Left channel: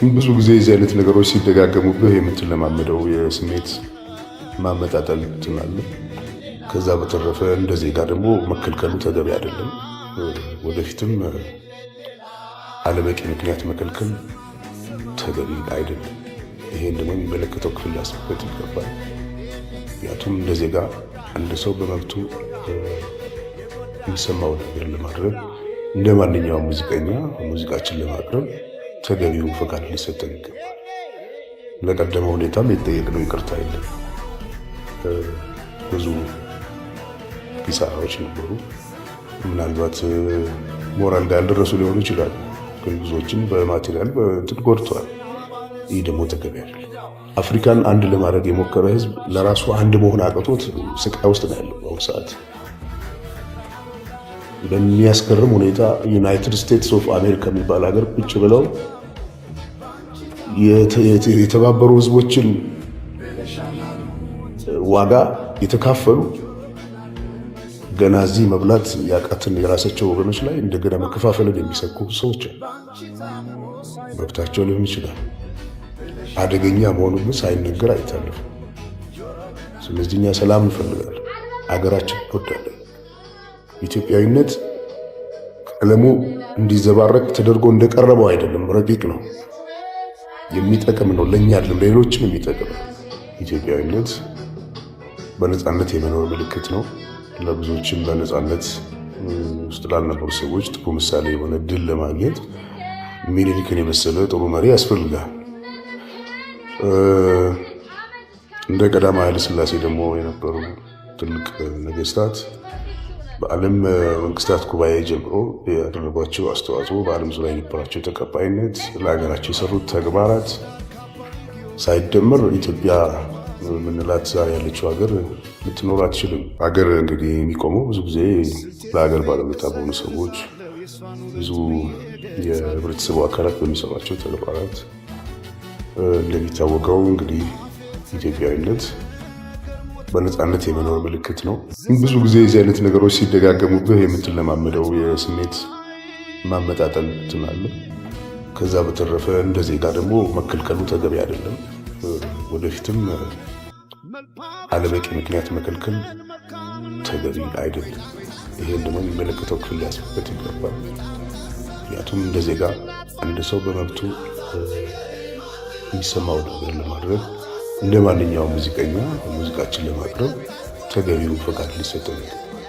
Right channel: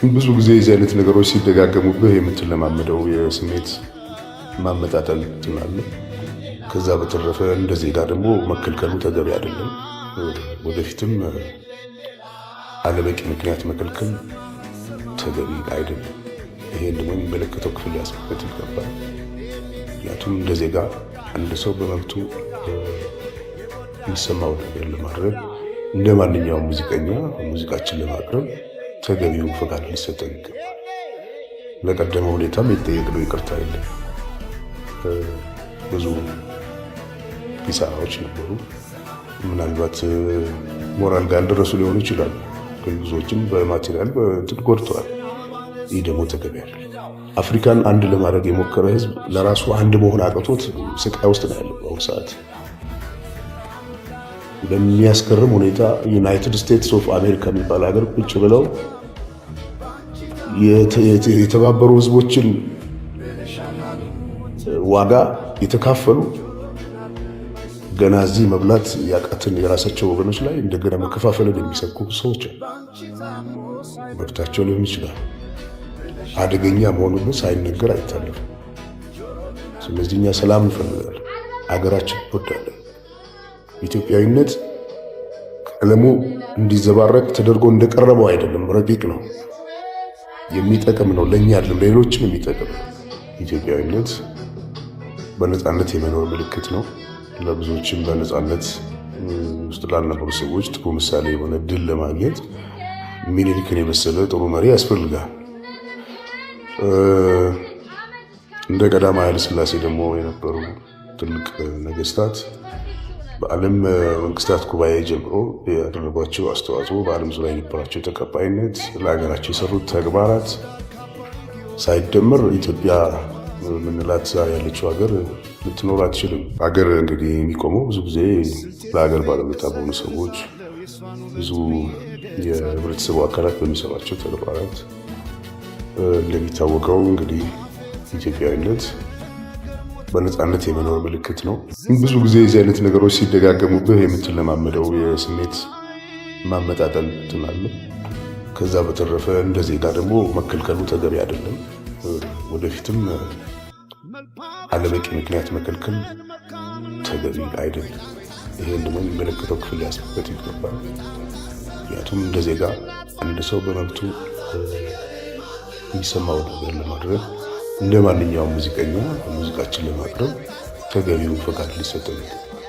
ብዙ ጊዜ የዚህ አይነት ነገሮች ሲደጋገሙብህ የምትለማመደው የስሜት ማመጣጠል ትላለህ። ከዛ በተረፈ እንደ ዜጋ ደግሞ መከልከሉ ተገቢ አይደለም። ወደፊትም አለበቂ ምክንያት መከልከል ተገቢ አይደለም። ይሄን ደግሞ የሚመለከተው ክፍል ሊያስብበት ይገባል። ምክንያቱም እንደ ዜጋ አንድ ሰው በመብቱ የሚሰማው ነገር ለማድረግ እንደ ማንኛውም ሙዚቀኛ ሙዚቃችን ለማቅረብ ተገቢው ፈቃድ ሊሰጠን ይገባል። ለቀደመ ሁኔታም የተጠየቅነው ይቅርታ የለም። ብዙ ኪሳራዎች ነበሩ። ምናልባት ሞራል ጋር ደረሱ ሊሆኑ ይችላሉ። ግን ብዙዎችም በማቴሪያል ጎድተዋል። ይህ ደግሞ ተገቢ አይደለም። አፍሪካን አንድ ለማድረግ የሞከረ ህዝብ ለራሱ አንድ መሆን አቅቶት ስቃይ ውስጥ ነው ያለው በአሁኑ ሰዓት። በሚያስገርም ሁኔታ ዩናይትድ ስቴትስ ኦፍ አሜሪካ የሚባል ሀገር ቁጭ ብለው የተባበሩ ህዝቦችን ዋጋ የተካፈሉ ገና እዚህ መብላት ያቃትን የራሳቸው ወገኖች ላይ እንደገና መከፋፈልን የሚሰብኩ ሰዎች መብታቸው ሊሆን ይችላል። አደገኛ መሆኑን ሳይነገር አይታለፍም። ስለዚህ እኛ ሰላም እንፈልጋለን፣ ሀገራችን እንወዳለን። ኢትዮጵያዊነት ቀለሙ እንዲዘባረቅ ተደርጎ እንደቀረበው አይደለም፣ ረቂቅ ነው፣ የሚጠቅም ነው፣ ለእኛ አይደለም ሌሎችም የሚጠቅም። ኢትዮጵያዊነት በነፃነት የመኖር ምልክት ነው። ለብዙዎችም በነፃነት ውስጥ ላልነበሩ ሰዎች ጥሩ ምሳሌ የሆነ ድል ለማግኘት ሚኒሊክን የመሰለ ጥሩ መሪ ያስፈልጋል። እንደ ቀዳማዊ ኃይለ ሥላሴ ደግሞ የነበሩ ትልቅ ነገስታት በዓለም መንግስታት ጉባኤ ጀምሮ ያደረጓቸው አስተዋጽኦ፣ በዓለም ዙሪያ የነበራቸው ተቀባይነት፣ ለሀገራቸው የሰሩት ተግባራት ሳይደመር ኢትዮጵያ ምንላት ያለችው ሀገር ልትኖር አትችልም። ሀገር እንግዲህ የሚቆመው ብዙ ጊዜ ለሀገር ባለውለታ በሆኑ ሰዎች፣ ብዙ የህብረተሰቡ አካላት በሚሰሯቸው ተግባራት። እንደሚታወቀው እንግዲህ ኢትዮጵያዊነት በነፃነት የመኖር ምልክት ነው። ብዙ ጊዜ የዚህ አይነት ነገሮች ሲደጋገሙብህ የምትለማመደው የስሜት ማመጣጠል ትላለህ። ከዛ በተረፈ እንደ ዜጋ ደግሞ መከልከሉ ተገቢ አይደለም። ወደፊትም አለበቂ ምክንያት መከልከል ተገቢ አይደለም። ይህን ደግሞ የሚመለከተው ክፍል ሊያስብበት ይገባል። ምክንያቱም እንደ ዜጋ አንድ ሰው በመብቱ የሚሰማው ነገር ለማድረግ እንደ ማንኛውም ሙዚቀኛ ሙዚቃችን ለማቅረብ ተገቢው ፈቃድ ሊሰጠን ይገባል።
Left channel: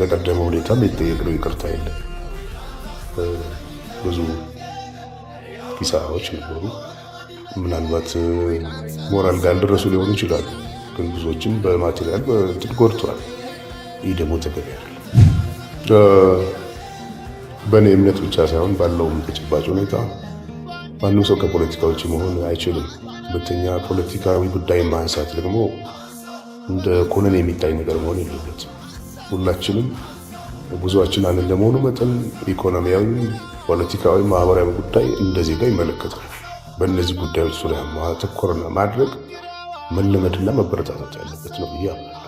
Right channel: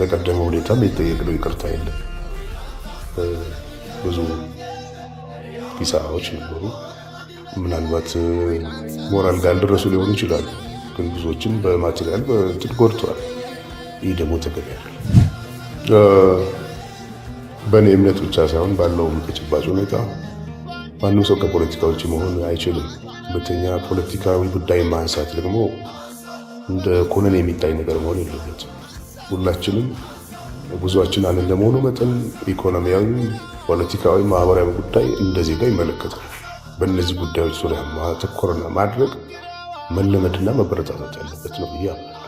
ለቀደመ ሁኔታም የተጠየቅነው ይቅርታ የለም። ብዙ ኪሳራዎች ነበሩ። ምናልባት ሞራል ጋር ደረሱ ሊሆኑ ይችላሉ። ግን ብዙዎችም በማቴሪያል ጎድተዋል። ይህ ደግሞ ተገቢ አይደለም። በእኔ እምነት ብቻ ሳይሆን ባለው ተጨባጭ ሁኔታ ማንም ሰው ከፖለቲካ ውጭ መሆን አይችልም። ሁለተኛ ፖለቲካዊ ጉዳይ ማንሳት ደግሞ እንደ ኮነን የሚታይ ነገር መሆን የለበትም። ሁላችንም ብዙዎችን አንድ እንደመሆኑ መጠን ኢኮኖሚያዊ፣ ፖለቲካዊ፣ ማህበራዊ ጉዳይ እንደ ዜጋ ይመለከታል። በእነዚህ ጉዳዮች ዙሪያ ማተኮር ማድረግ መለመድና መበረታታት ያለበት ነው ብዬ አምናለሁ።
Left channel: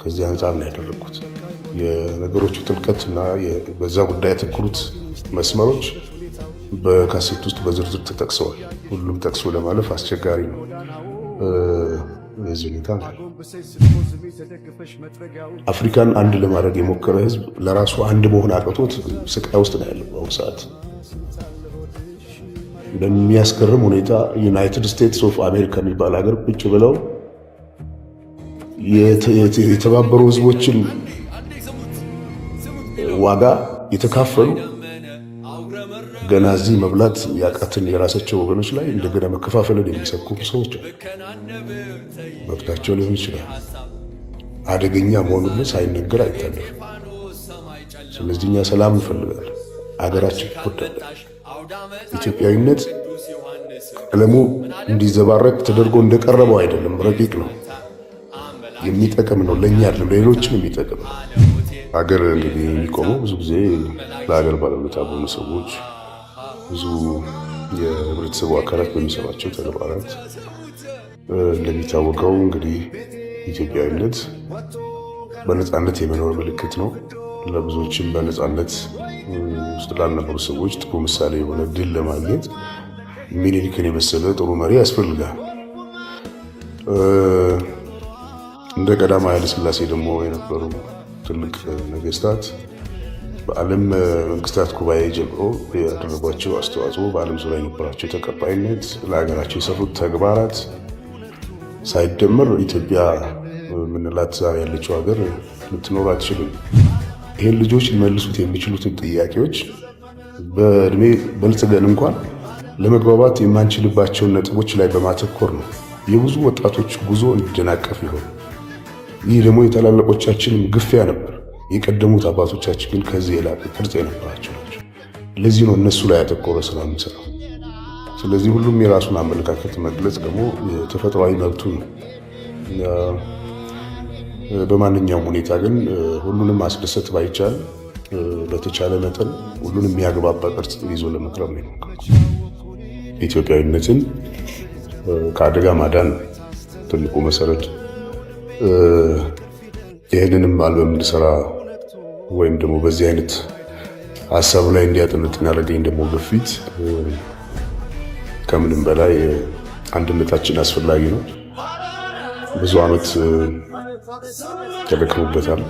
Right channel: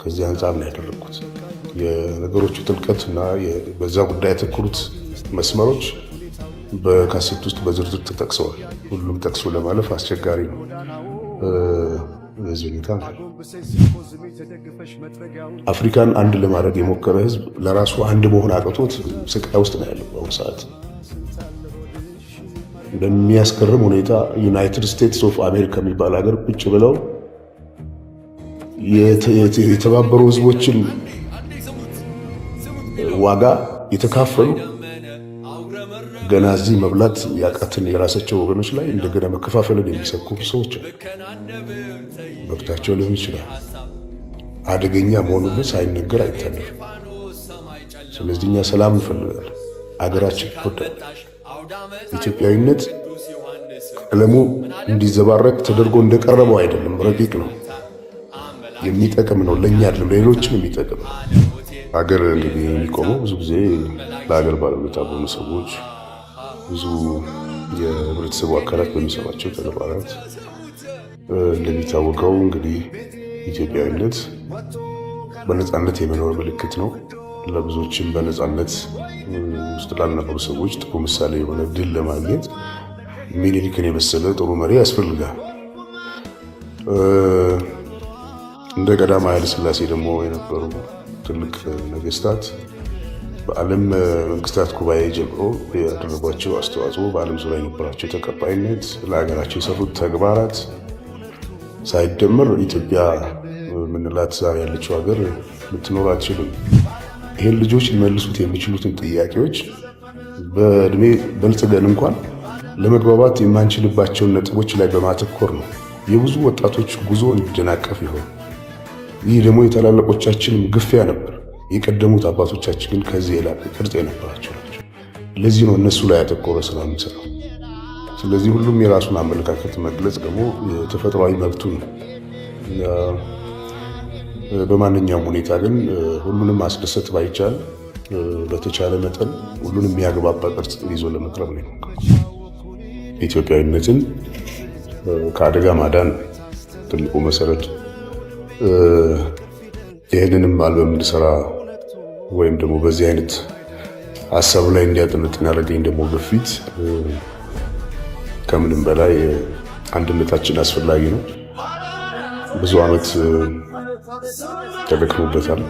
ከዚህ አንጻር ነው ያደረኩት። የነገሮቹ ጥልቀትና በዛ ጉዳይ ያተኮሩት መስማዎች በካሴት ውስጥ በዝርዝር ተጠቅሰዋል። ሁሉም ጠቅሶ ለማለፍ አስቸጋሪ ነው። በዚህ ሁኔታ አፍሪካን አንድ ለማድረግ የሞከረ ህዝብ ለራሱ አንድ መሆን አቅቶት ስቃይ ውስጥ ነው ያለው በአሁኑ ሰዓት። በሚያስገርም ሁኔታ ዩናይትድ ስቴትስ ኦፍ አሜሪካ የሚባል ሀገር ቁጭ ብለው የተባበሩ ህዝቦችን ዋጋ የተካፈሉ ገና እዚህ መብላት ያቃትን የራሳቸው ወገኖች ላይ እንደገና መከፋፈልን የሚሰብኩ ሰዎች መብታቸው ሊሆን ይችላል። አደገኛ መሆኑን ሳይነገር አይታለፍም። ስለዚህ እኛ ሰላም እንፈልጋለን፣ ሀገራችን ትወዳለች። ኢትዮጵያዊነት ቀለሙ እንዲዘባረቅ ተደርጎ እንደቀረበው አይደለም፣ ረቂቅ ነው፣ የሚጠቅም ነው፣ ለእኛ አይደለም ሌሎችም የሚጠቅም ነው። ሀገር እንግዲህ የሚቆመው ብዙ ጊዜ ለሀገር ባለውለታ በሆኑ ሰዎች፣ ብዙ የህብረተሰቡ አካላት በሚሰሯቸው ተግባራት። እንደሚታወቀው እንግዲህ ኢትዮጵያዊነት በነፃነት የመኖር ምልክት ነው። ለብዙዎችም በነፃነት ውስጥ ላልነበሩ ሰዎች ጥሩ ምሳሌ የሆነ ድል ለማግኘት ሚኒሊክን የመሰለ ጥሩ መሪ ያስፈልጋል። እንደ ቀዳማዊ ኃይለ ሥላሴ ደግሞ የነበሩ ትልቅ ነገስታት በዓለም መንግስታት ጉባኤ ጀምሮ ያደረጓቸው አስተዋጽኦ፣ በዓለም ዙሪያ የነበራቸው ተቀባይነት፣ ለሀገራቸው የሰሩት ተግባራት ሳይደመር ኢትዮጵያ ምንላት ዛሬ ያለችው ሀገር ልትኖር አትችልም። ይህን ልጆች ሊመልሱት የሚችሉትን ጥያቄዎች በእድሜ በልጽገን እንኳን ለመግባባት የማንችልባቸውን ነጥቦች ላይ በማተኮር ነው የብዙ ወጣቶች ጉዞ እንዲደናቀፍ ይሆን። ይህ ደግሞ የታላላቆቻችን ግፊያ ነበር። የቀደሙት አባቶቻችን ግን ከዚህ የላቀ ቅርጽ የነበራቸው ናቸው። ለዚህ ነው እነሱ ላይ ያተኮረ ስራ የምንሰራው። ስለዚህ ሁሉም የራሱን አመለካከት መግለጽ ደግሞ ተፈጥሯዊ መብቱ ነው። በማንኛውም ሁኔታ ግን ሁሉንም ማስደሰት ባይቻል በተቻለ መጠን ሁሉንም የሚያግባባ ቅርጽ ይዞ ለመቅረብ ነው። ኢትዮጵያዊነትን ከአደጋ ማዳን ትልቁ መሰረት። ይህንንም አልበም እንድሰራ ወይም ደግሞ በዚህ አይነት ሀሳብ ላይ እንዲያጠኑት ያደረገኝ ደግሞ ግፊት ከምንም በላይ አንድነታችን አስፈላጊ ነው። ብዙ ዓመት ተደክሞበታል።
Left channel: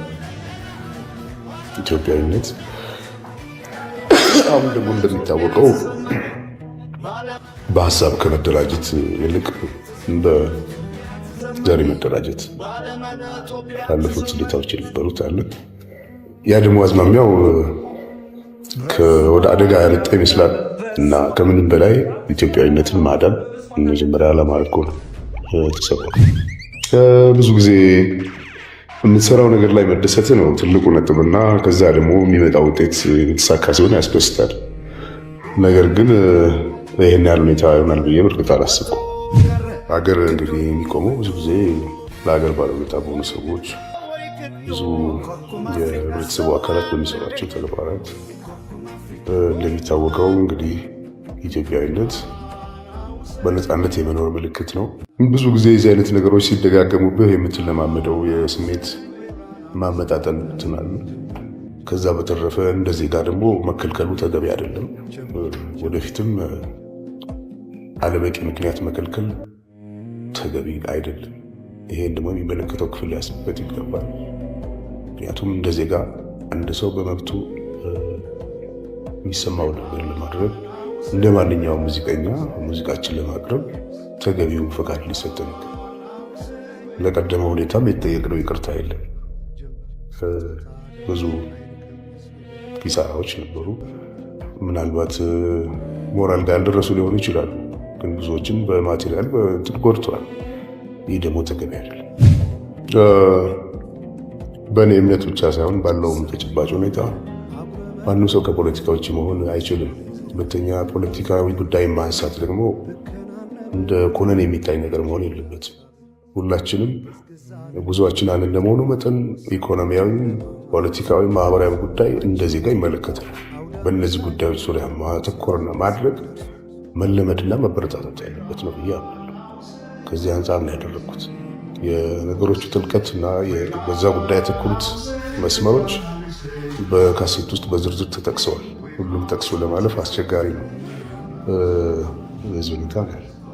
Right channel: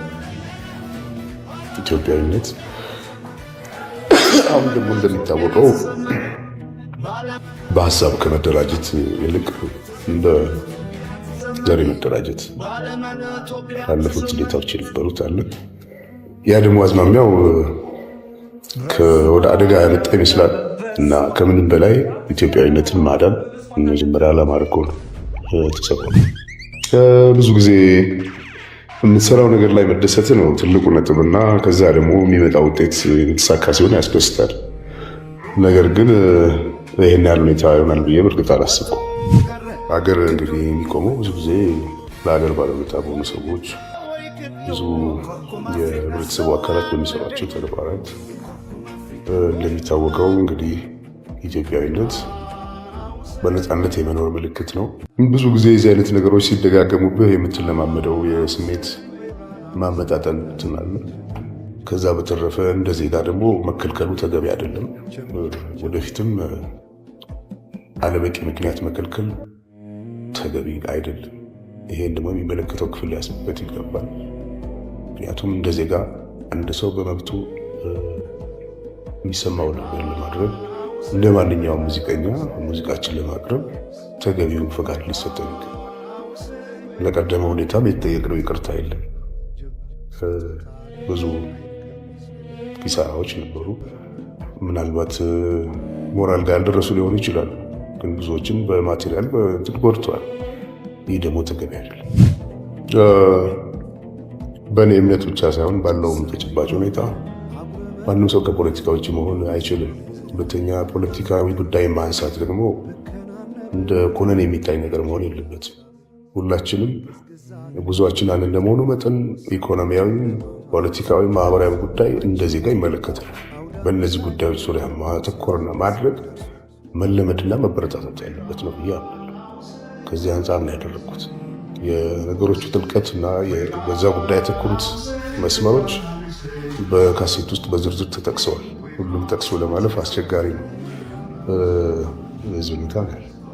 ኢትዮጵያዊነት አሁን ደግሞ እንደሚታወቀው በሀሳብ ከመደራጀት ይልቅ በዘር መደራጀት ያለፉት ሁኔታዎች የነበሩት አለ። ያ ደግሞ አዝማሚያው ወደ አደጋ ያመጣ ይመስላል እና ከምንም በላይ ኢትዮጵያዊነትን ማዳን መጀመሪያ ለማድረግ ነው የተሰራው። ብዙ ጊዜ የምትሰራው ነገር ላይ መደሰት ነው ትልቁ ነጥብ እና ከዛ ደግሞ የሚመጣ ውጤት የተሳካ ሲሆን ያስደስታል። ነገር ግን ይህን ያህል ሁኔታ ይሆናል ብዬ በእርግጥ አላሰብኩም። ሀገር እንግዲህ የሚቆመው ብዙ ጊዜ ለሀገር ባለቤት በሆኑ ሰዎች፣ ብዙ የቤተሰቡ አካላት በሚሰሯቸው ተግባራት። እንደሚታወቀው እንግዲህ ኢትዮጵያዊነት በነፃነት የመኖር ምልክት ነው። ብዙ ጊዜ የዚህ አይነት ነገሮች ሲደጋገሙብህ የምትለማመደው የስሜት ማመጣጠን ትምህርት። ከዛ በተረፈ እንደ ዜጋ ደግሞ መከልከሉ ተገቢ አይደለም። ወደፊትም አለበቂ ምክንያት መከልከል ተገቢ አይደለም። ይሄን ደግሞ የሚመለከተው ክፍል ሊያስብበት ይገባል። ምክንያቱም እንደ ዜጋ እንደ ሰው በመብቱ የሚሰማው ነገር ለማድረግ እንደ ማንኛውም ሙዚቀኛ ሙዚቃችን ለማቅረብ ተገቢውን ፈቃድ ሊሰጠን ይገባል። ለቀደመ ሁኔታ የተጠየቅነው ይቅርታ የለም። ብዙ ኪሳራዎች ነበሩ። ምናልባት ሞራል ጋር ያልደረሱ ሊሆኑ ይችላሉ፣ ግን ብዙዎችን በማቴሪያል ጎድተዋል። ይህ ደግሞ ተገቢ አይደለም። በእኔ እምነት ብቻ ሳይሆን ባለው ተጨባጭ ሁኔታ ማንም ሰው ከፖለቲካ ውጭ መሆን አይችልም። ሁለተኛ ፖለቲካዊ ጉዳይ ማንሳት ደግሞ እንደ ኮነን የሚታይ ነገር መሆን የለበትም። ሁላችንም ጉዞአችን አንድ እንደመሆኑ መጠን ኢኮኖሚያዊ፣ ፖለቲካዊ፣ ማህበራዊ ጉዳይ እንደ ዜጋ ይመለከታል። በእነዚህ ጉዳዮች ዙሪያ ማተኮርና ማድረግ መለመድና መበረታታት ያለበት ነው ብዬ ከዚህ አንጻር ነው ያደረኩት። የነገሮቹ ጥልቀትና በዛ ጉዳይ ያተኮሩት መስማዎች በካሴት ውስጥ በዝርዝር ተጠቅሰዋል። ሁሉም ጠቅሶ ለማለፍ አስቸጋሪ ነው። የዚህ ሁኔታ